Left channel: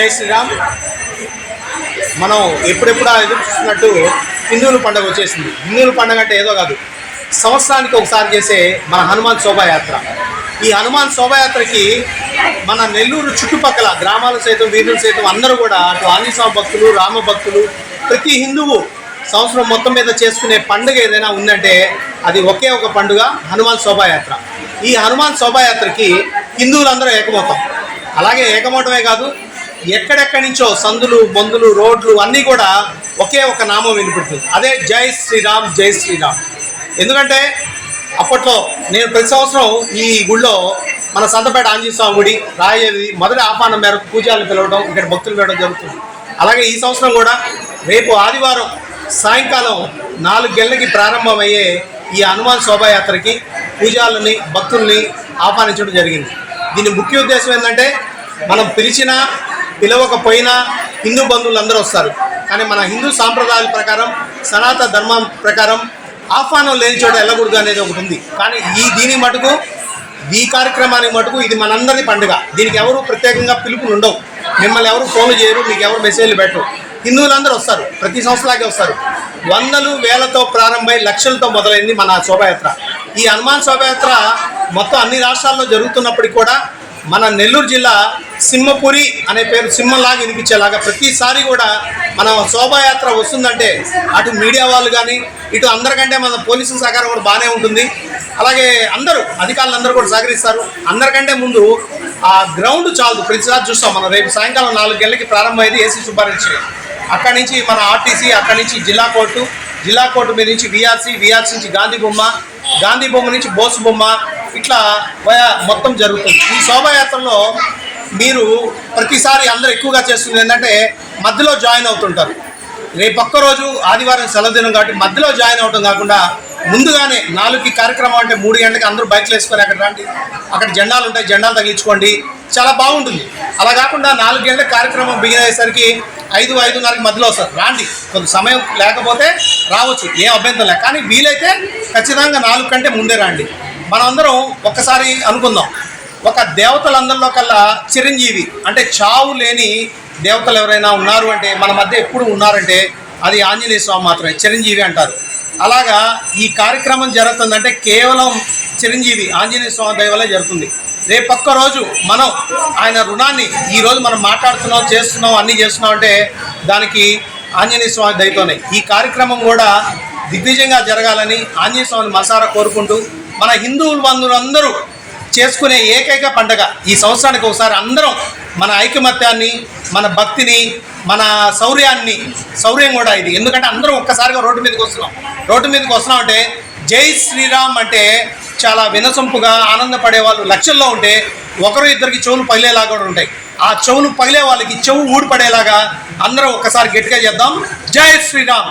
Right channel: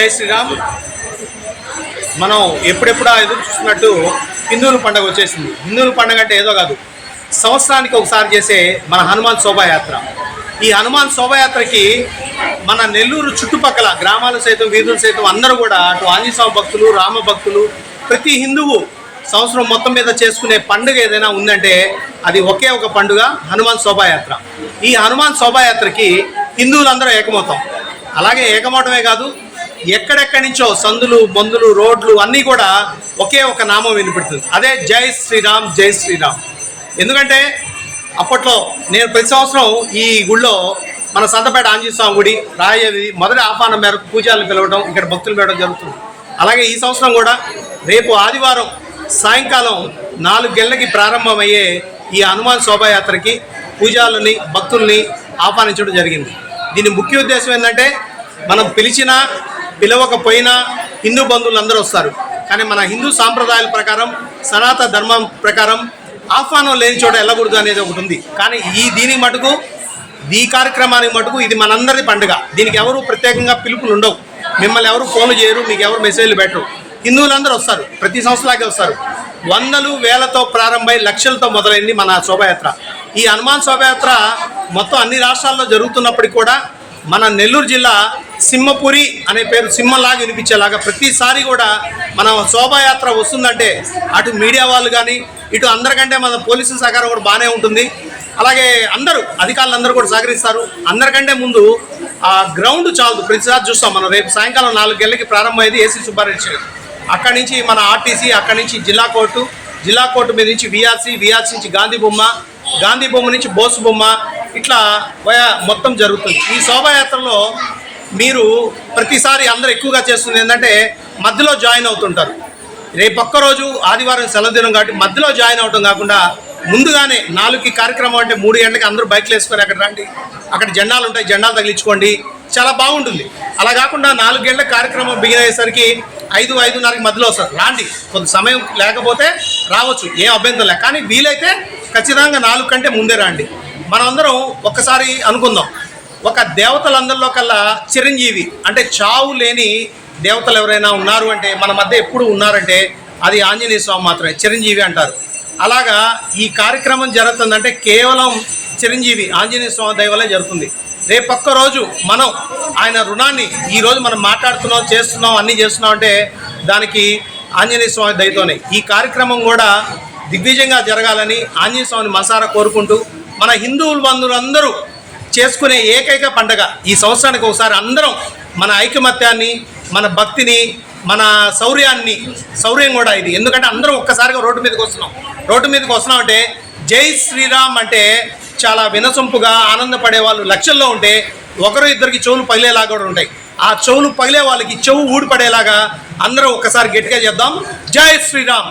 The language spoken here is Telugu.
జై శ్రీరామ్. మనం ఎప్పుడెప్పుడు ఎదురు చూస్తున్నట్టు హిందువుల పండుగ వచ్చేసింది. హిందువుల పండుగ అంటే ఏదో కాదు. సంవత్సరానికి ఒకసారి చేసే మన హనుమాన్ శోభాయాత్ర. ఈ హనుమాన్ శోభాయాత్రకి మన నెల్లూరు చుట్టుపక్కల గ్రామాలు సైతం వీధులు సైతం అందరూ కూడా అటు ఆంజనేయస్వామి భక్తులు రామ భక్తులు ప్రతి హిందువు సంవత్సరం మొత్తం మీద చేసుకునే పండుగ ఏదైనా ఉందంటే అది ఒకే ఒక పండుగ హనుమాన్ శోభాయాత్ర. ఈ హనుమాన్ శోభాయాత్రకి హిందువులందరూ ఏకమవుతాం. అలాగే ఏకమవటమే కాదు ఎక్కడెక్కడి నుంచో సందులు మందులు రోడ్లు అన్నీ కూడా ఒకే ఒక నామం వినిపెడుతుంది. అదే జై శ్రీరామ్ జై శ్రీరామ్. ఎందుకంటే అప్పట్లో నేను ప్రతి సంవత్సరం ఈ గుళ్ళో మన సంతపేట ఆంజనేయ స్వామి గుడి రాయేది మొదటి ఆహ్వానం మేరకు పూజలు పిలవడం ఇక్కడ భక్తులు పిలవడం జరుగుతుంది. అలాగే ఈ సంవత్సరం కూడా రేపు ఆదివారం సాయంకాలం నాలుగు గంటలకి ప్రారంభమయ్యే ఈ హనుమాన్ శోభాయాత్రకి పూజాలని భక్తుల్ని ఆహ్వానించడం జరిగింది. దీని ముఖ్య ఉద్దేశం ఏంటంటే మనం పిలిచినా పిలవకపోయినా హిందూ బంధువులు అందరూ వస్తారు. కానీ మన హిందూ సాంప్రదాయాల ప్రకారం సనాతన ధర్మం ప్రకారం ఆహ్వానం లేని చోట వెళ్ళకూడదు అనేది ఒకటి ఉంది. కానీ ఈ దీని మటుకు ఈ కార్యక్రమానికి మటుకు ఇది మనందరి పండుగ. దీనికి ఎవరు ప్రత్యేకంగా పిలుపులు ఉండవు. మిమ్మల్ని ఎవరు ఫోన్లు చేయరు మీకు ఎవరు మెసేజ్లు పెట్టరు. హిందువులందరూ వస్తారు ప్రతి సంవత్సరాలకే వస్తారు. వందలు వేలతో ప్రారంభమై లక్షలతో మొదలైంది మన శోభాయాత్ర. ఈ హనుమాన్ శోభాయాత్ర మొత్తం అన్ని రాష్ట్రాల్లో జరుగుతున్నప్పటికీ కూడా మన నెల్లూరు జిల్లా సింహపురి అనే పేరు సింహంలాగా వినిపించేలాగా ప్రతిసారి కూడా మన శోభాయాత్ర వస్తుందంటే అటు మీడియా వాళ్ళు కానీ ఇటు అందరికంటే మన పోలీసుల సహకారం కూడా బాగానే ఉంటుంది. అలాగే అందరూ అధికారులు అందరూ కూడా సహకరిస్తారు. అందరికంటే ముందు ఆ గ్రౌండ్ చాలదు. ప్రతిసారి చూస్తాం మనం. రేపు సాయంకాలం నాలుగు గంటలకి ప్రారంభమైంది ఏసీ సుబ్బారెడ్డి అక్కడి నుంచి మన ఆర్టీసీ అక్కడి నుంచి జిల్లా కోర్టు జిల్లా కోర్టు మీద నుంచి విఆర్సీ విఆర్సీ నుంచి గాంధీ బొమ్మ గాంధీ బొమ్మ నుంచి బోసు బొమ్మ ఇట్లా మొత్తం జరుగుతుంది. ఈ శోభాయాత్రలో మీరు ప్రతిసారి అందరూ ఎక్కువగా చేస్తుంది ఏంటంటే మధ్యలో జాయిన్ అవుతుంటారు. రేపు రోజు ఆదివారం సెలవు దినం కాబట్టి మధ్యలో జాయిన్ అవడం కాకుండా ముందుగానే నాలుగుకి కార్యక్రమం అంటే మూడు గంటలకి అందరూ బైక్లు వేసుకొని అక్కడ రండి. అక్కడ జెండాలు ఉంటాయి జెండాలు తగిలించుకోండి. చాలా బాగుంటుంది. అలా కాకుండా నాలుగు గంటల కార్యక్రమం బిగిన్ అయ్యేసరికి ఐదు ఐదున్నరకి మధ్యలో వస్తారు. రాండి. కొంత సమయం లేకపోతే రావచ్చు. ఏం అభ్యంతరం లేదు. కానీ వీలైతే ఖచ్చితంగా నాలుగు కంటే ముందే రండి. మనమందరం ఒక్కసారి అనుకుందాం. ఒక దేవతలందరిలో కల్లా చిరంజీవి అంటే చావు లేని దేవతలు ఎవరైనా ఉన్నారు అంటే మన మధ్య ఎప్పుడు ఉన్నారంటే అది ఆంజనేయ స్వామి మాత్రమే చిరంజీవి అంటారు. అలాగా ఈ కార్యక్రమం జరుగుతుందంటే కేవలం చిరంజీవి ఆంజనేయ స్వామి దయ జరుగుతుంది. రేపొక్క రోజు మనం ఆయన రుణాన్ని ఈరోజు మనం మాట్లాడుతున్నాం చేస్తున్నాం అన్నీ చేస్తున్నాం అంటే దానికి ఆంజనేయ స్వామి దయతోనే. ఈ కార్యక్రమం కూడా దిగ్విజయంగా జరగాలని ఆంజనేయ స్వామిని మనసారా కోరుకుంటూ మన హిందువులు బంధువులందరూ చేసుకునే ఏకైక పండగ ఈ సంవత్సరానికి ఒకసారి అందరం మన ఐకమత్యాన్ని మన భక్తిని మన శౌర్యాన్ని శౌర్యం కూడా ఇది. ఎందుకంటే అందరం ఒక్కసారిగా రోడ్డు మీదకి వస్తున్నాం. రోడ్డు మీదకి వస్తున్నాం అంటే జై శ్రీరామ్ అంటే చాలా వినసొంపుగా ఆనందపడే వాళ్ళు లక్షల్లో ఉంటే ఒకరు ఇద్దరికి చెవులు పగిలేలాగా కూడా ఉంటాయి. ఆ చెవులు పగిలే వాళ్ళకి చెవు ఊడిపడేలాగా అందరం ఒక్కసారి గట్టిగా చేద్దాం. జై శ్రీరామ్.